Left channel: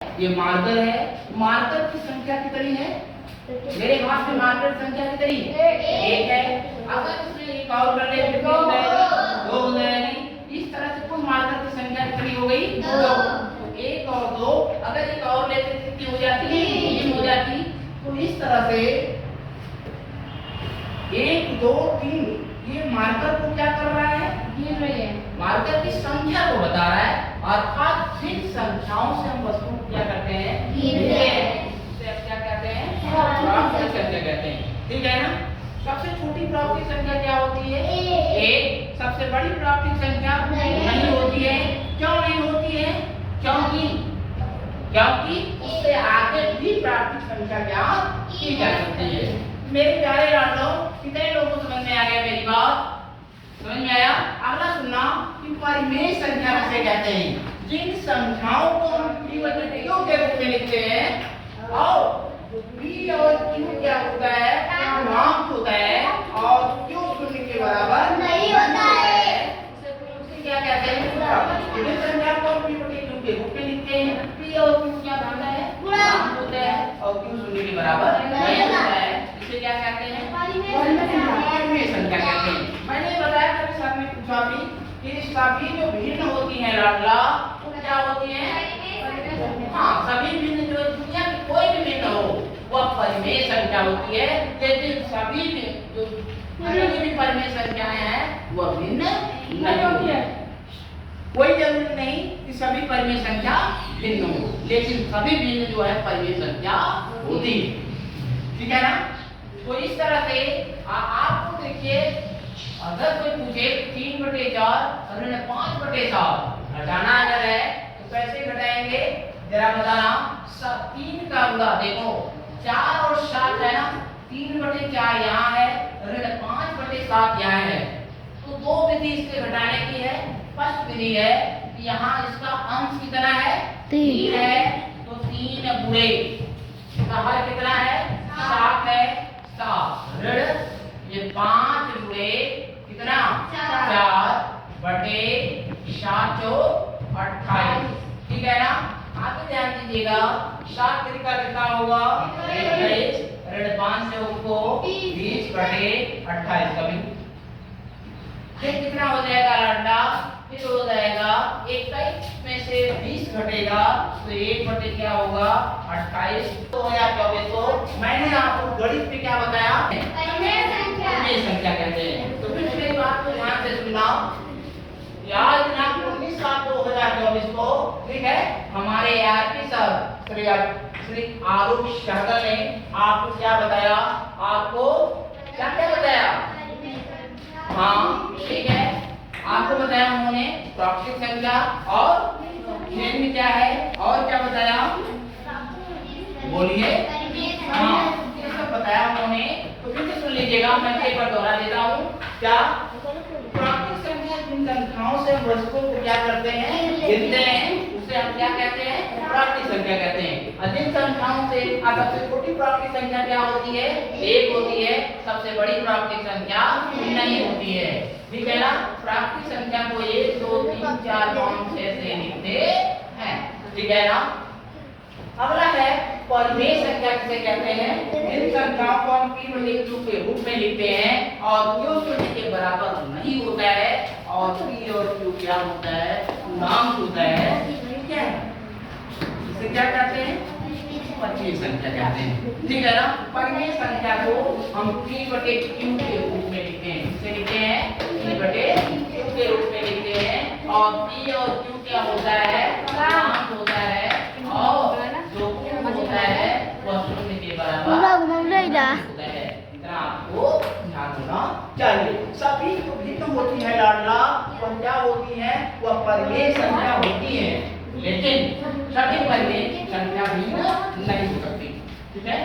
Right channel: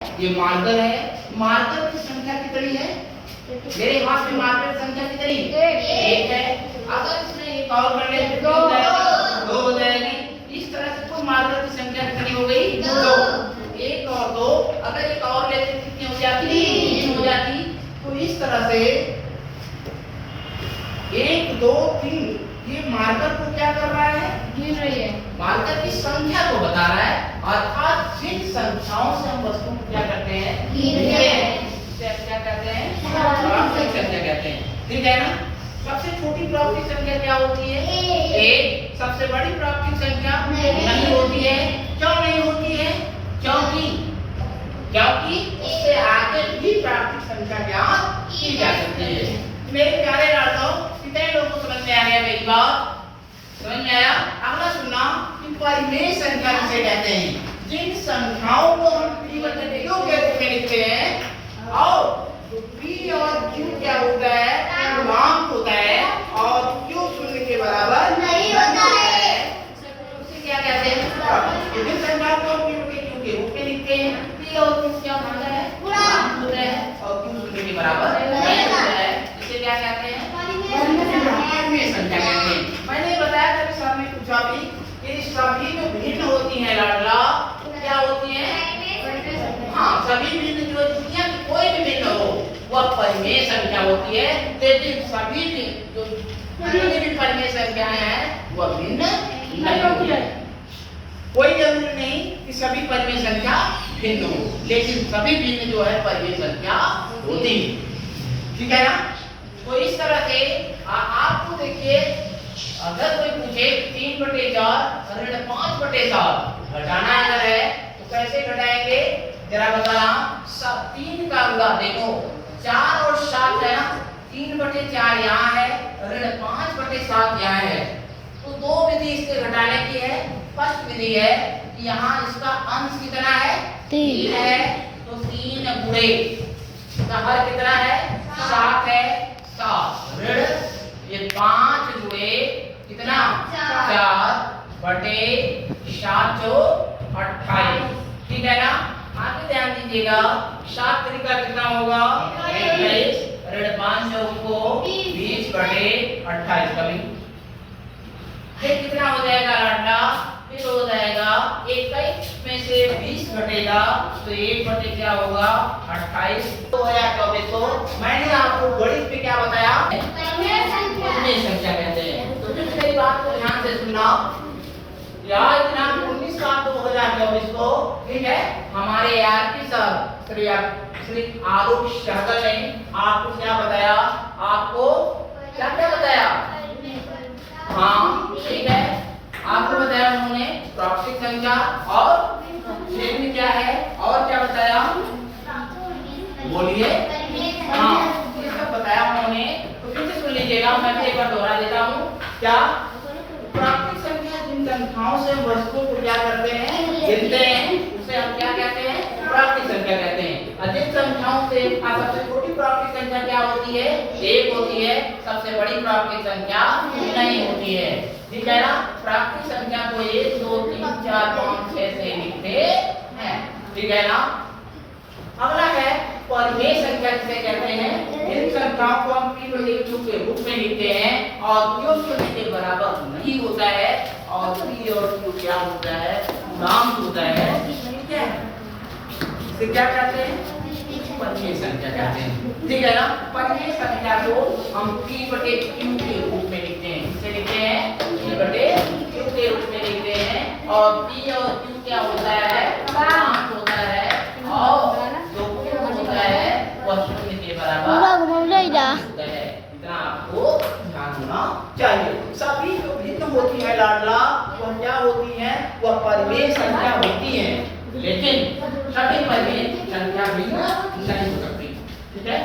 ये मार्कर है। मार्कर की संख्या कितनी है? मेरे हाथ में मार्कर की संख्या कितनी है? एक है। अगर इसमें एक और कर ले तो कितनी हो जाएगी? दो हो जाएगी। इस तरह से कुल मार्कर की संख्या कितनी हो गई? दो। एक और दो, अगर एक और लेते तो कितनी हो जाती? तीन हो जाती। तो इस तरह से एक दो तीन, ये मार्कर को क्या कर रहा है? गिन रही है। मार्कर की संख्या को बता रहा है, अर्थात जिन संख्याओं से हम वस्तु को क्या करते हैं? गिनते हैं। इसे क्या कहते हैं? प्राप्तिक संख्या कहते हैं। ठीक है ना? सबसे छोटी प्राप्तिक संख्या क्या होती है? एक। सबसे बड़ी प्राप्तिक संख्या नहीं होती है। क्यों नहीं होती है? क्योंकि उससे आगे भी प्राप्तिक संख्या ज्ञात की जा सकती है। मेरे प्यारे लाडलों, कितने लोगों को समझ में आ गया मेरी बात? समझ में आया? अगला सुनना कि परिमेय संख्या किसे कहते हैं? जिन संख्याओं को हम p बटे q के रूप में लिखते हैं और p और q क्या होता है? पूर्णांक होता है और q शून्य के बराबर नहीं होता है। उसे क्या कहते हैं? विभिन्न संख्या को हम p बटे q के रूप में लिखते हैं। p और q क्या होता है? पूर्णांक होता है और q शून्य के बराबर नहीं होता है। इसे क्या कहते हैं? परिमेय संख्या कहते हैं। मैंने बताया था कि साथ में पूछा भी कि सभी जो भिन्न होती हैं लाडला, तो क्या होती हैं? हाँ, सभी भिन्न जो दुनिया की कोई भी भिन्न हो वह परिमेय संख्या होती है। लेकिन सभी जो भी परिमेय संख्याएं हैं वह भिन्न नहीं होती है। कोई जरूरी नहीं कि सभी परिमेय संख्या भिन्न हो, लेकिन सभी भिन्न जो है परिमेय संख्या होती है। ठीक है ना? तो इस तरह से आपको देखिए, अगर कोई पूछे 3/4 ऋण 5/7 घटाना अगर है तो कैसे घटाएंगे? जरा बताना। 3 का गुणा देखो, 4 और 7 है ना, 3/4 यहाँ है, ऋण 5/7 यहाँ है। तो दो विधि इसके घटाने की है। फर्स्ट विधि है कि यहाँ इसका अंश कितना है? 3 है, तो 3 गुणे इसका हर कितना है? 7 है। 7 ऋण ये 5 गुणे कितना? 4/7 जो 28। ठीक है ना? आगे ध्यान दीजिएगा, 7 तरीका कितना होगा? 21। ऋण 5 जो उनको 20/28 कभी। फिर कितना हो जाएगा लाडला? फिर हो जाएगा 21 में से 20 घटेगा तो 1 बटे क्या होगा? 28। 2024 को मैंने आपको गणित में क्या बताया? परिमेय संख्या कहते हैं। तो फिर मेरी बात को ध्यान से सुनना। आज दिनांक 19/7/2024 को, ठीक है, हमारे आरपी सर श्री आरूप सहगल ने आपको क्या बताया? आपको क्या क्या बताया? हाँ, ठीक है, आपको बताया उन्होंने प्राकृतिक संख्या और खेल में क्या है और क्या बताया? बोलिए। हाँ, ये सब बताया उन्होंने। तो फिर से सुन लीजिएगा, मैं एक बार दोहरा देता हूँ। क्या? प्राकृतिक संख्या जिन संख्याओं से वस्तु को क्या करते हैं? गिनते हैं, उसे हम क्या कहते हैं? प्राकृतिक संख्या कहते हैं। और जिन संख्याओं से सबसे छोटी प्राकृतिक संख्या क्या होती है? 1 होती है। सबसे बड़ी प्राकृतिक संख्या नहीं होती है। ठीक है ना? प्राकृतिक संख्या को 1 2 3 4 5 6 से लिखते हैं। ठीक है ना? अगला है परिमेय संख्या किसे कहते हैं? इन संख्याओं को हम p बटे q के रूप में लिखते हैं और q शून्य के बराबर नहीं होता है और p और q क्या होता है? पूर्णांक होता है। ठीक है? इसे क्या कहते हैं? परिमेय संख्या कहते हैं। ठीक है ना? परिमेय संख्या को हम p बटे q के रूप में लिखते हैं। किसे लिखते हैं? p बटे q के रूप में लिखते हैं और p और q क्या होता है? पूर्णांक होता है और जो q होता है वह शून्य के बराबर होता है। इतना आपको ध्यान होना चाहिए। सभी जो भिन्न होती है लाडला, वह क्या होती है? वह परिमेय संख्या होती है, लेकिन सभी परिमेय संख्या भिन्न नहीं हो सकती। ठीक है?